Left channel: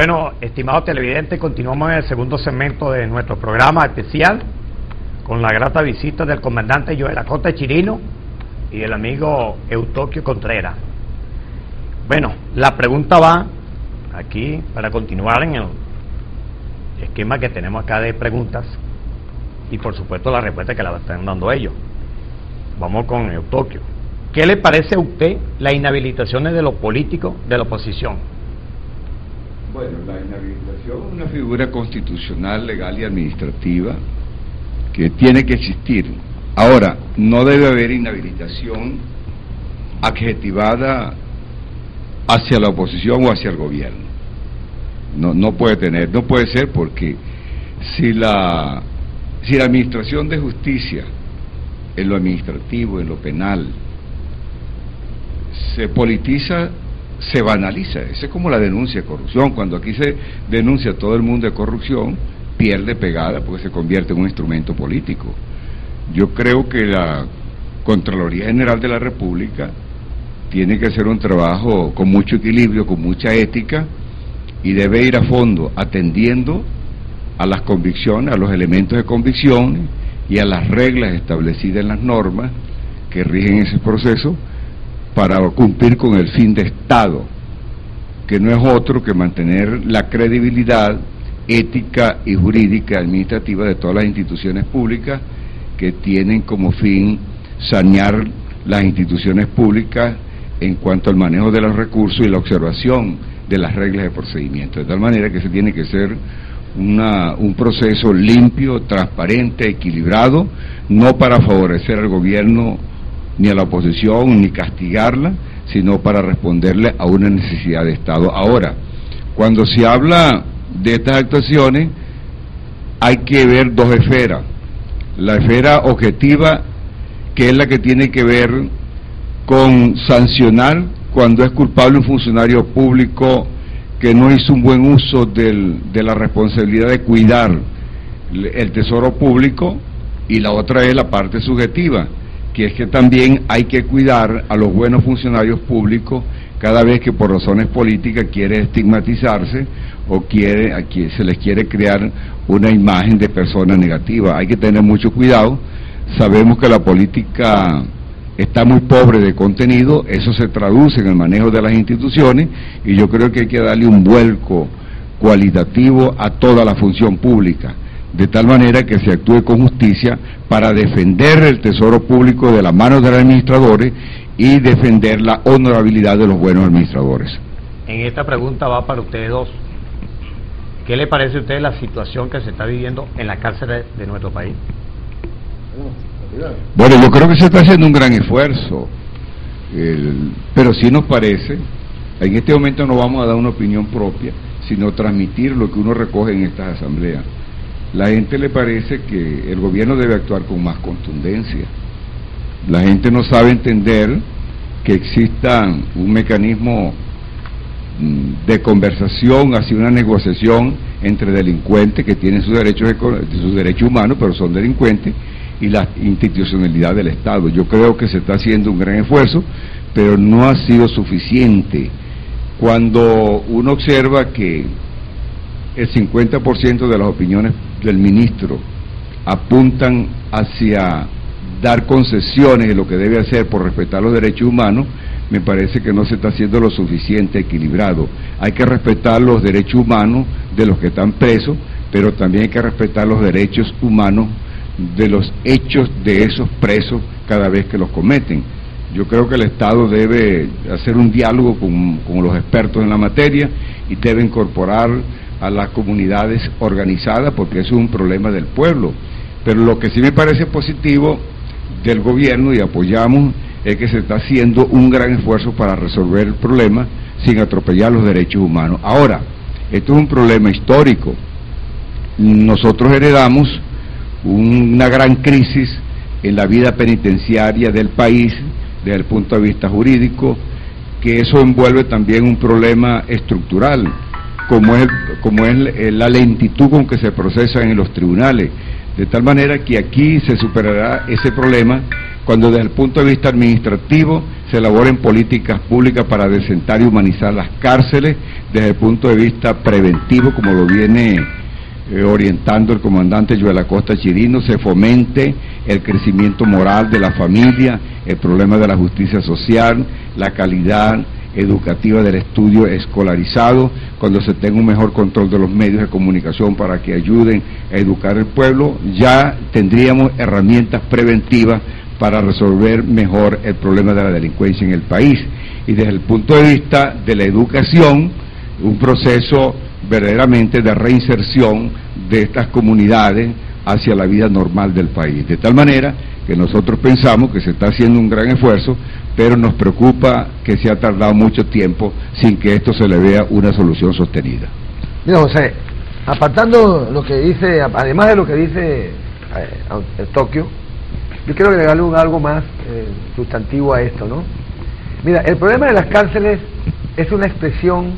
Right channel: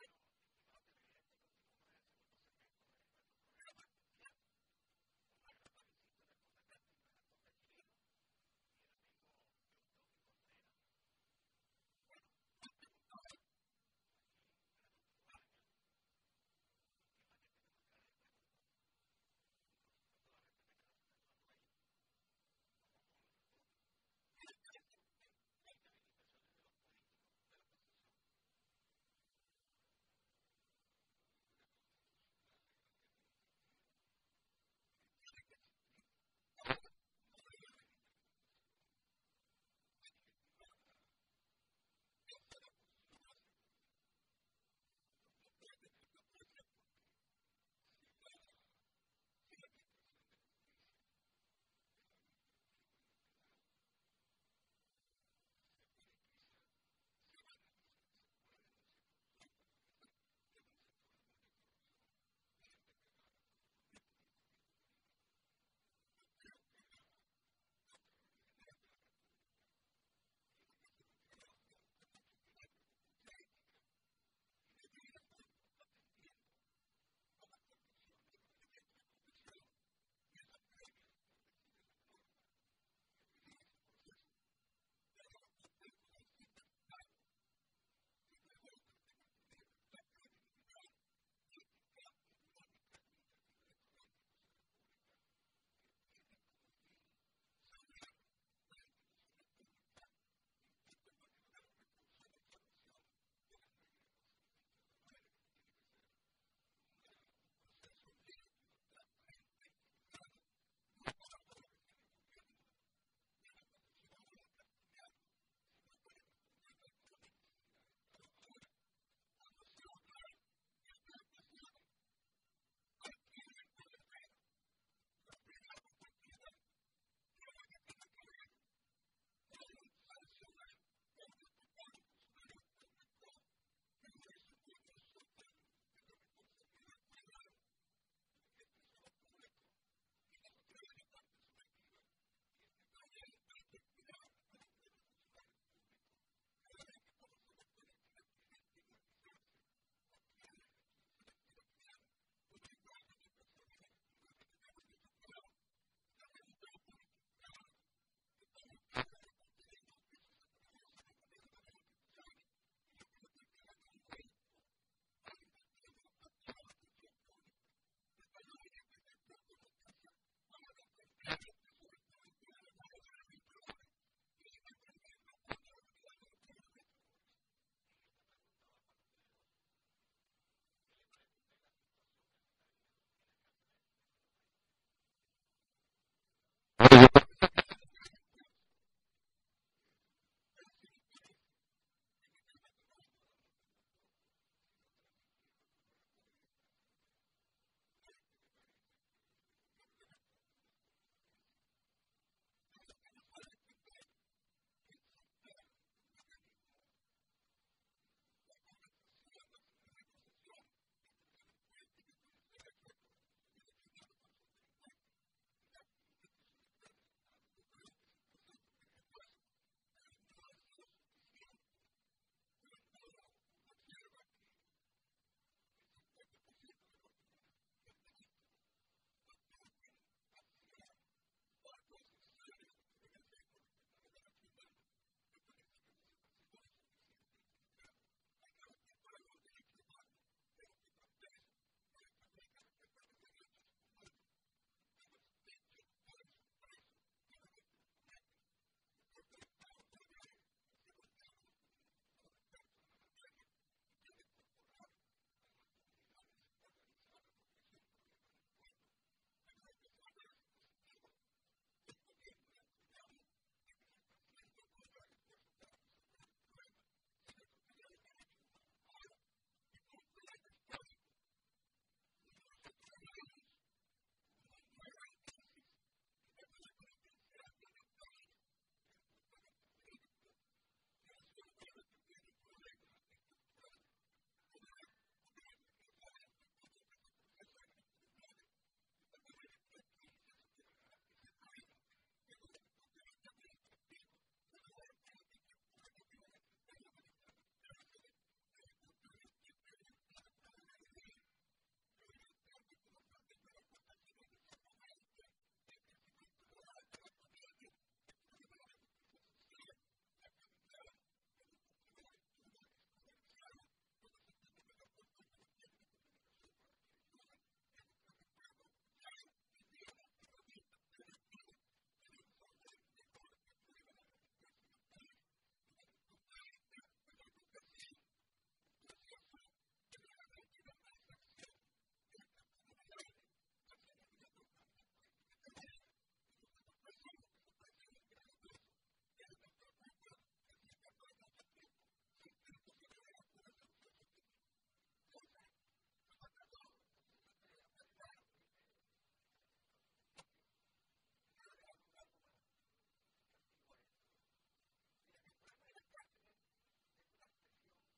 Bueno, estimados televidentes, continuamos en el segundo segmento de nuestro programa especial con la grata visita del comandante Joel Acosta Chirino y el amigo Eustoquio Contreras. Bueno, la pregunta va aquí para continuar en el esquema que tenemos acá de preguntas y por supuesto la respuesta que la están dando ellos. Vamos con Eustoquio. ¿Qué le parece a usted las inhabilitaciones de los políticos de la oposición? Bueno, la inhabilitación es una figura constitucional, legal y administrativa que tiene que existir. Ahora, no debe haber inhabilitación adjetivada hacia la oposición o hacia el gobierno. No puede ser, porque si la administración de justicia en lo administrativo, en lo penal, se politiza, se banaliza. Esa es como la denuncia de corrupción. Cuando aquí se denuncia a todo el mundo de corrupción, pierde pegada porque se convierte en un instrumento político. Yo creo que la Contraloría General de la República tiene que hacer un trabajo con mucho equilibrio, con mucha ética, y debe ir a fondo atendiendo a las convicciones, a los elementos de convicción y a las reglas establecidas en las normas que rigen ese proceso para cumplir con el fin de Estado, que no es otro que mantener la credibilidad ética y jurídica administrativa de todas las instituciones públicas que tienen como fin sanear las instituciones públicas en cuanto al manejo de los recursos y la observación de las reglas de procedimiento, de tal manera que se tiene que ser un proceso limpio, transparente, equilibrado, no para favorecer al gobierno ni a la oposición, ni castigarla, sino para responderle a una necesidad de Estado. Ahora, cuando se habla de estas actuaciones, hay que ver dos esferas. La esfera objetiva, que es la que tiene que ver con sancionar cuando es culpable un funcionario público que no hizo un buen uso de la responsabilidad de cuidar el tesoro público, y la otra es la parte subjetiva, que es que también hay que cuidar a los buenos funcionarios públicos cada vez que por razones políticas quiere estigmatizarse o se les quiere crear una imagen de persona negativa. Hay que tener mucho cuidado. Sabemos que la política está muy pobre de contenido, eso se traduce en el manejo de las instituciones, y yo creo que hay que darle un vuelco cualitativo a toda la función pública, de tal manera que se actúe con justicia para defender el tesoro público de las manos de los administradores y defender la honorabilidad de los buenos administradores. En esta pregunta va para ustedes dos. ¿Qué le parece a usted la situación que se está viviendo en las cárceles de nuestro país? Bueno, yo creo que se está haciendo un gran esfuerzo, pero sí nos parece, en este momento no vamos a dar una opinión propia, sino transmitir lo que uno recoge en estas asambleas. La gente le parece que el gobierno debe actuar con más contundencia. La gente no sabe entender que exista un mecanismo de conversación, hacia una negociación entre delincuentes que tienen sus derechos humanos, pero son delincuentes, y la institucionalidad del Estado. Yo creo que se está haciendo un gran esfuerzo, pero no ha sido suficiente. Cuando uno observa que el 50% de las opiniones del ministro apuntan hacia dar concesiones de lo que debe hacer por respetar los derechos humanos, me parece que no se está haciendo lo suficiente equilibrado. Hay que respetar los derechos humanos de los que están presos, pero también hay que respetar los derechos humanos de los hechos de esos presos cada vez que los cometen. Yo creo que el Estado debe hacer un diálogo con los expertos en la materia y debe incorporar a las comunidades organizadas, porque eso es un problema del pueblo. Pero lo que sí me parece positivo del gobierno, y apoyamos, es que se está haciendo un gran esfuerzo para resolver el problema sin atropellar los derechos humanos. Ahora, esto es un problema histórico. Nosotros heredamos una gran crisis en la vida penitenciaria del país desde el punto de vista jurídico, que eso envuelve también un problema estructural, como es la lentitud con que se procesan en los tribunales, de tal manera que aquí se superará ese problema cuando desde el punto de vista administrativo se elaboren políticas públicas para desentar y humanizar las cárceles desde el punto de vista preventivo, como lo viene orientando el comandante Joel Acosta Chirino, se fomente el crecimiento moral de la familia, el problema de la justicia social, la calidad educativa del estudio escolarizado, cuando se tenga un mejor control de los medios de comunicación para que ayuden a educar el pueblo, ya tendríamos herramientas preventivas para resolver mejor el problema de la delincuencia en el país. Y desde el punto de vista de la educación, un proceso verdaderamente de reinserción de estas comunidades hacia la vida normal del país. De tal manera que nosotros pensamos que se está haciendo un gran esfuerzo, pero nos preocupa que se ha tardado mucho tiempo sin que esto se le vea una solución sostenida. Mira, José, apartando lo que dice, además de lo que dice Tokio, yo quiero agregarle algo más sustantivo a esto, ¿no? Mira, el problema de las cárceles es una expresión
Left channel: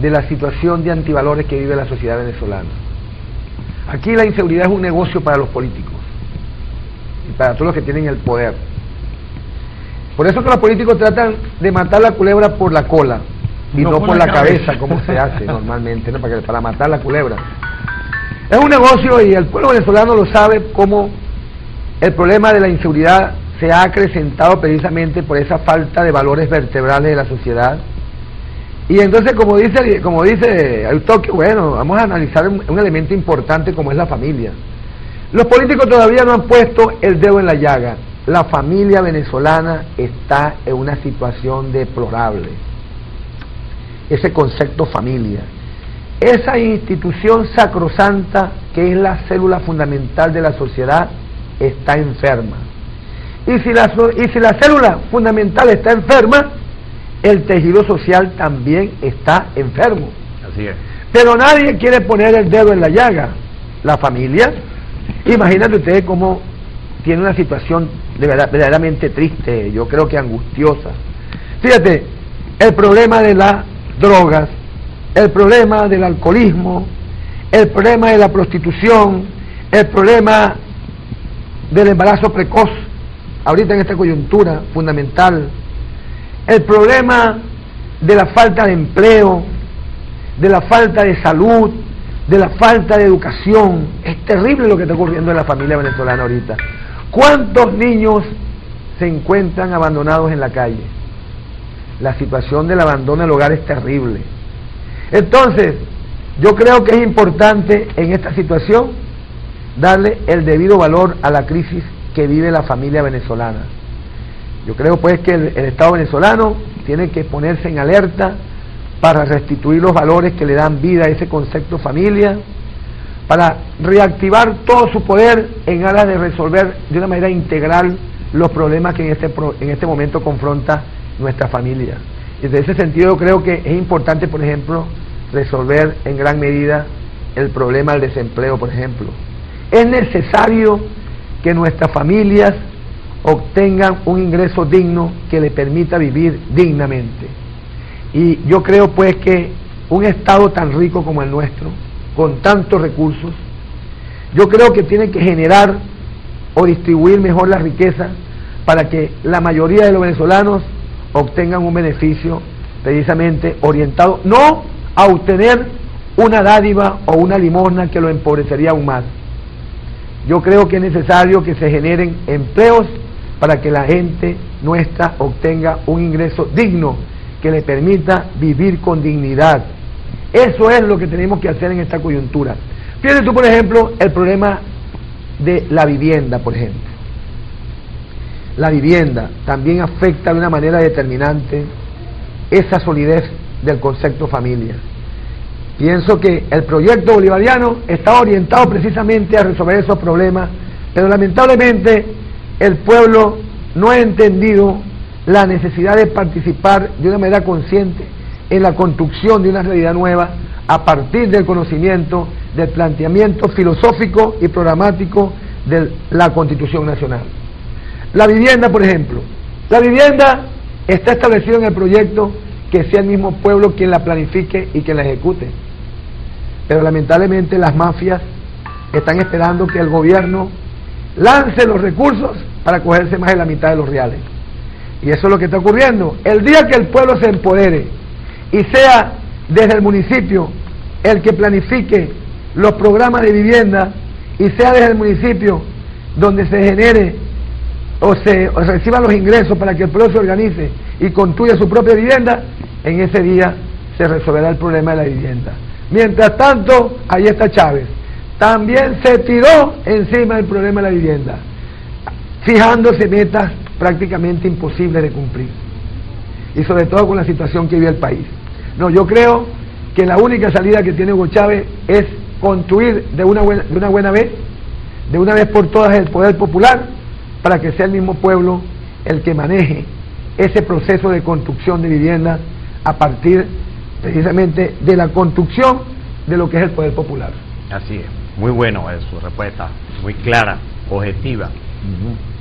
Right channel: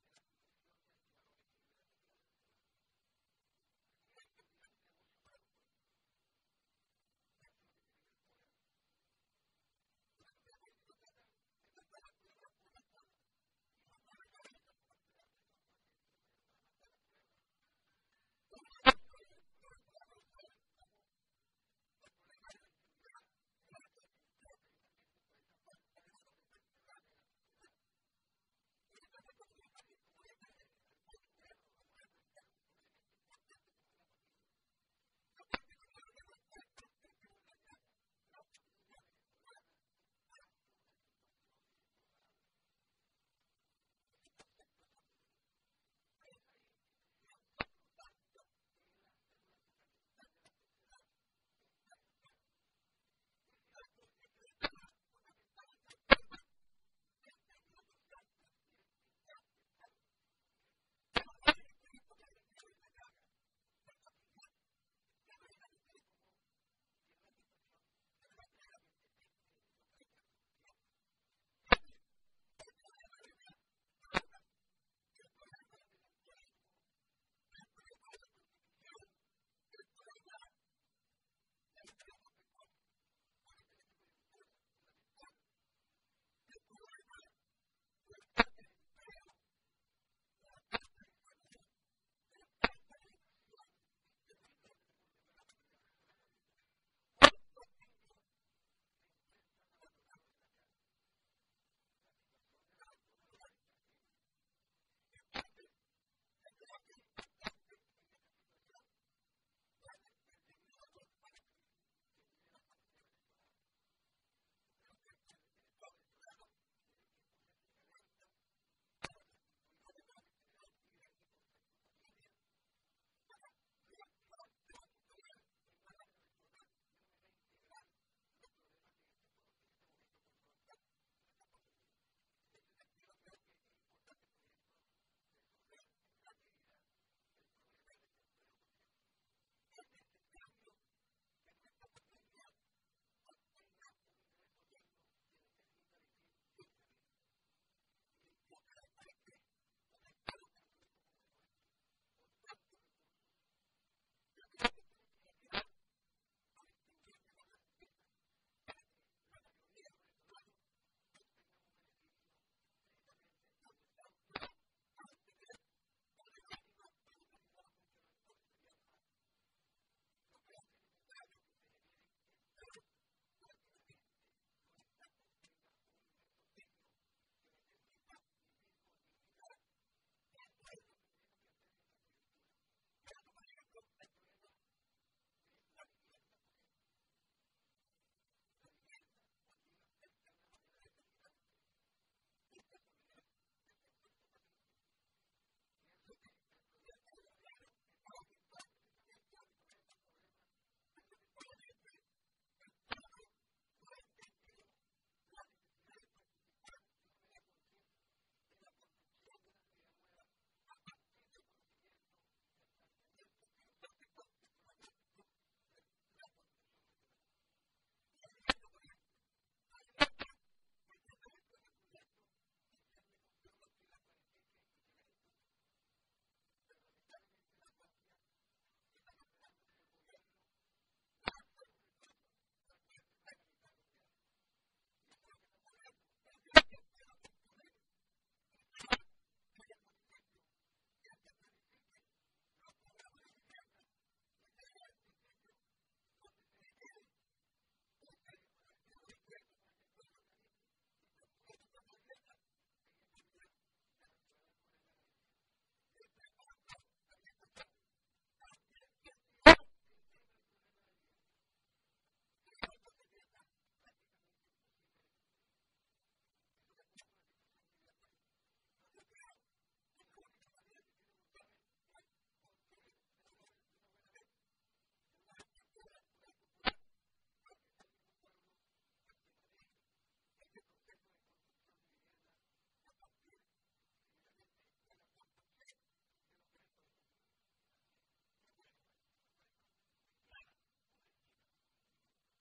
de la situación de antivalores que vive la sociedad venezolana. Aquí la inseguridad es un negocio para los políticos y para todos los que tienen el poder. Por eso que los políticos tratan de matar la culebra por la cola y no por la cabeza, como se hace normalmente, ¿no? Para matar la culebra. Es un negocio y el pueblo venezolano lo sabe, como el problema de la inseguridad se ha acrecentado precisamente por esa falta de valores vertebrales de la sociedad. Y entonces, como dice Eutokio, bueno, vamos a analizar un elemento importante como es la familia. Los políticos todavía no han puesto el dedo en la llaga. La familia venezolana está en una situación deplorable. Ese concepto familia, esa institución sacrosanta que es la célula fundamental de la sociedad, está enferma. Y si la célula fundamental está enferma, el tejido social también está enfermo. Así es. Pero nadie quiere poner el dedo en la llaga. La familia, imagínate ustedes cómo tiene una situación verdaderamente triste, yo creo que angustiosa. Fíjate, el problema de las drogas, el problema del alcoholismo, el problema de la prostitución, el problema del embarazo precoz, ahorita en esta coyuntura fundamental, el problema de la falta de empleo, de la falta de salud, de la falta de educación. Es terrible lo que está ocurriendo en la familia venezolana ahorita. ¿Cuántos niños se encuentran abandonados en la calle? La situación del abandono del hogar es terrible. Entonces, yo creo que es importante en esta situación darle el debido valor a la crisis que vive la familia venezolana. Yo creo pues que el Estado venezolano tiene que ponerse en alerta para restituir los valores que le dan vida a ese concepto familia, para reactivar todo su poder en aras de resolver de una manera integral los problemas que en este momento confronta nuestra familia. Y desde ese sentido yo creo que es importante, por ejemplo, resolver en gran medida el problema del desempleo, por ejemplo. Es necesario que nuestras familias obtengan un ingreso digno que le permita vivir dignamente. Y yo creo pues que un Estado tan rico como el nuestro, con tantos recursos, yo creo que tiene que generar o distribuir mejor la riqueza para que la mayoría de los venezolanos obtengan un beneficio precisamente orientado no a obtener una dádiva o una limosna que lo empobrecería aún más. Yo creo que es necesario que se generen empleos para que la gente nuestra obtenga un ingreso digno que le permita vivir con dignidad. Eso es lo que tenemos que hacer en esta coyuntura. Fíjate tú, por ejemplo, el problema de la vivienda, por ejemplo. La vivienda también afecta de una manera determinante esa solidez del concepto familia. Pienso que el proyecto bolivariano está orientado precisamente a resolver esos problemas, pero lamentablemente el pueblo no ha entendido la necesidad de participar de una manera consciente en la construcción de una realidad nueva a partir del conocimiento, del planteamiento filosófico y programático de la Constitución Nacional. La vivienda, por ejemplo, la vivienda está establecida en el proyecto que sea el mismo pueblo quien la planifique y quien la ejecute. Pero lamentablemente las mafias están esperando que el gobierno lance los recursos para cogerse más de la mitad de los reales. y eso es lo que está ocurriendo. El día que el pueblo se empodere y sea desde el municipio el que planifique los programas de vivienda y sea desde el municipio donde se genere o reciban los ingresos para que el pueblo se organice y construya su propia vivienda, en ese día se resolverá el problema de la vivienda. Mientras tanto, ahí está Chávez. También se tiró encima del problema de la vivienda, fijándose metas prácticamente imposibles de cumplir. Y sobre todo con la situación que vive el país. No, yo creo que la única salida que tiene Hugo Chávez es construir de una buena vez, de una vez por todas, el poder popular, para que sea el mismo pueblo el que maneje ese proceso de construcción de vivienda a partir precisamente de la construcción de lo que es el poder popular. Así es, muy bueno su respuesta, muy clara, objetiva.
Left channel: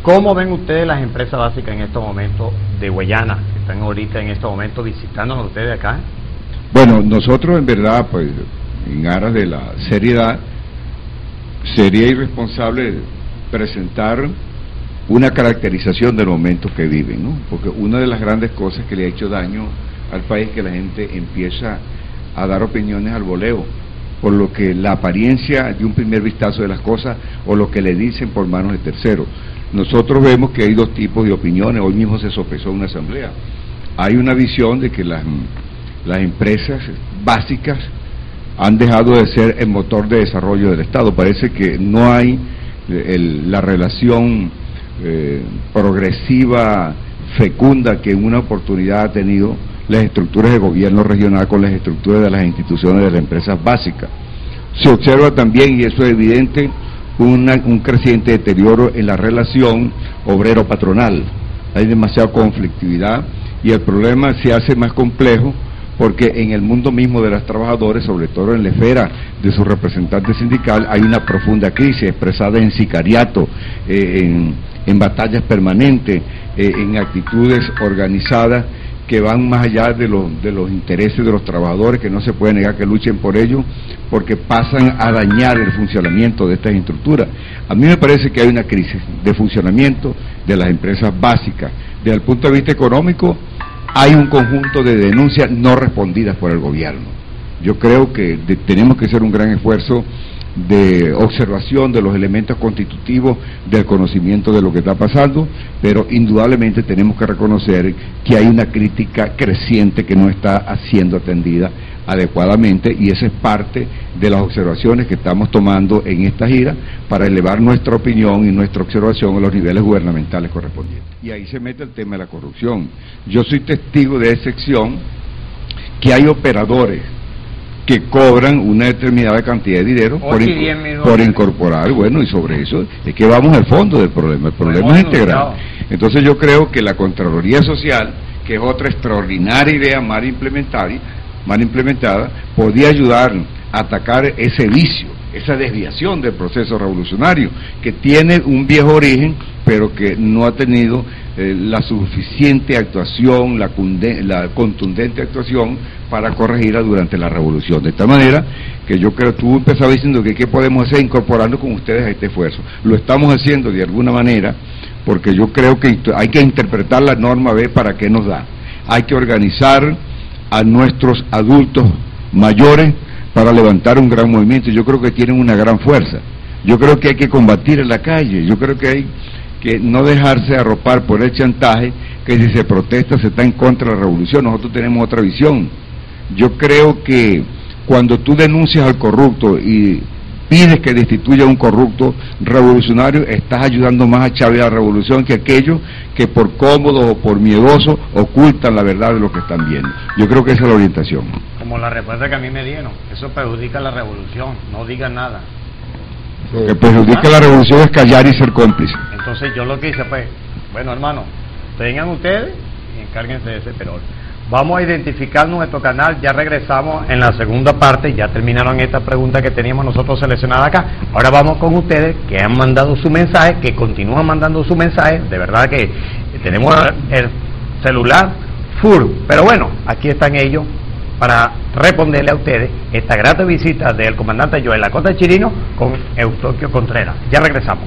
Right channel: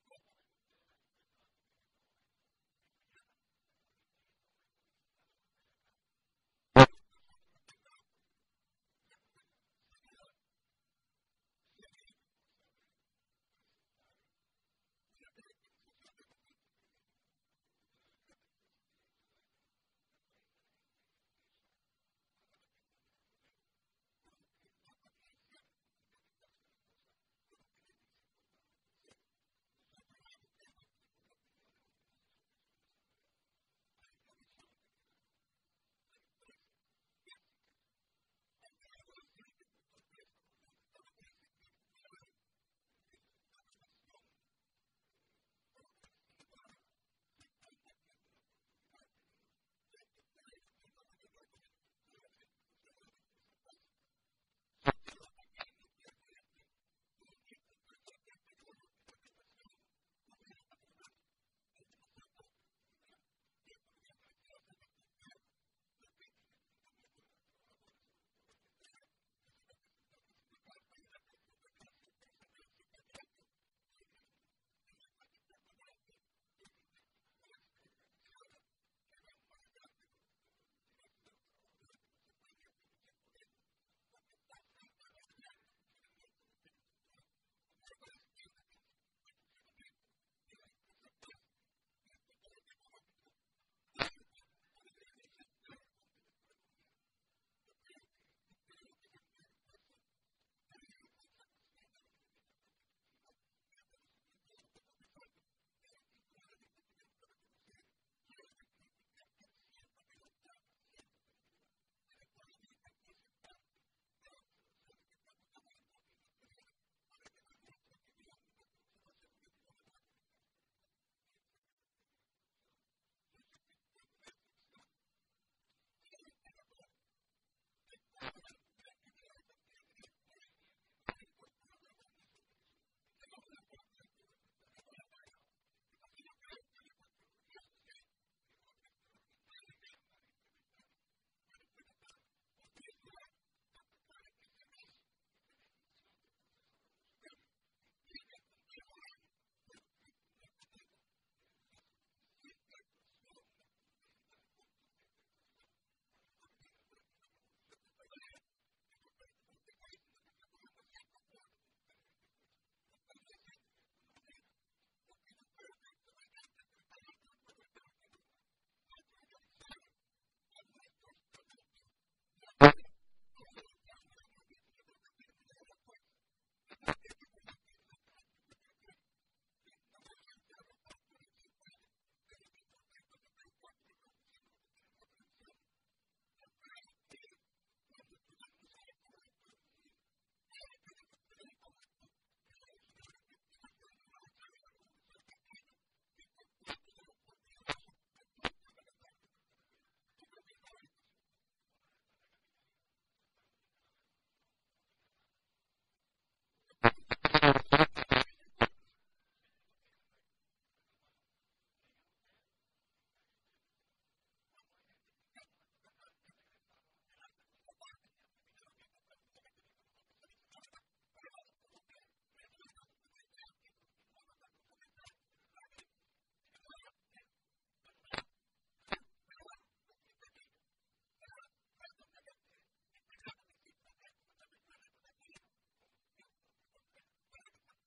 ¿Cómo ven ustedes las empresas básicas en estos momentos de Guayana, que están ahorita en estos momentos visitándonos ustedes acá? Bueno, nosotros en verdad, pues, en aras de la seriedad, sería irresponsable presentar una caracterización del momento que viven, ¿no? Porque una de las grandes cosas que le ha hecho daño al país es que la gente empieza a dar opiniones al voleo, por lo que la apariencia de un primer vistazo de las cosas o lo que le dicen por manos de terceros. Nosotros vemos que hay dos tipos de opiniones. Hoy mismo se sopesó una asamblea. Hay una visión de que las empresas básicas han dejado de ser el motor de desarrollo del Estado. Parece que no hay la relación progresiva, fecunda, que en una oportunidad ha tenido las estructuras de gobierno regional con las estructuras de las instituciones de las empresas básicas. Se observa también, y eso es evidente, un creciente deterioro en la relación obrero-patronal. Hay demasiada conflictividad y el problema se hace más complejo porque en el mundo mismo de los trabajadores, sobre todo en la esfera de su representante sindical, hay una profunda crisis expresada en sicariato, en batallas permanentes, en actitudes organizadas que van más allá de los intereses de los trabajadores, que no se puede negar que luchen por ello, porque pasan a dañar el funcionamiento de estas estructuras. A mí me parece que hay una crisis de funcionamiento de las empresas básicas. Desde el punto de vista económico, hay un conjunto de denuncias no respondidas por el gobierno. Yo creo que tenemos que hacer un gran esfuerzo de observación de los elementos constitutivos del conocimiento de lo que está pasando, pero indudablemente tenemos que reconocer que hay una crítica creciente que no está siendo atendida adecuadamente, y esa es parte de las observaciones que estamos tomando en esta gira para elevar nuestra opinión y nuestra observación a los niveles gubernamentales correspondientes. Y ahí se mete el tema de la corrupción. Yo soy testigo de excepción que hay operadores que cobran una determinada cantidad de dinero por incorporar, bueno, y sobre eso es que vamos al fondo del problema. El problema es integral. Entonces yo creo que la Contraloría Social, que es otra extraordinaria idea mal implementada, podía ayudar a atacar ese vicio, esa desviación del proceso revolucionario, que tiene un viejo origen, pero que no ha tenido la suficiente actuación, la contundente actuación para corregirla durante la revolución. De esta manera que yo creo, tú empezabas diciendo que qué podemos hacer incorporando con ustedes a este esfuerzo. Lo estamos haciendo de alguna manera, porque yo creo que hay que interpretar la norma B para qué nos da. Hay que organizar a nuestros adultos mayores para levantar un gran movimiento. Yo creo que tienen una gran fuerza. Yo creo que hay que combatir en la calle. Yo creo que hay que no dejarse arropar por el chantaje, que si se protesta se está en contra de la revolución. Nosotros tenemos otra visión. Yo creo que cuando tú denuncias al corrupto y pides que destituya a un corrupto revolucionario, estás ayudando más a Chávez a la revolución que aquellos que por cómodos o por miedosos ocultan la verdad de lo que están viendo. Yo creo que esa es la orientación. Como la respuesta que a mí me dieron, eso perjudica la revolución, no digan nada. Lo que perjudica la revolución es callar y ser cómplice. Entonces yo lo que hice, pues, bueno, hermano, tengan ustedes y encárguense de ese perol. Vamos a identificar nuestro canal, ya regresamos en la segunda parte, ya terminaron estas preguntas que teníamos nosotros seleccionadas acá. Ahora vamos con ustedes que han mandado su mensaje, que continúan mandando su mensaje. De verdad que tenemos el celular full, pero bueno, aquí están ellos para responderle a ustedes esta grata visita del comandante Joel Acosta Chirino con Eustoquio Contreras. Ya regresamos.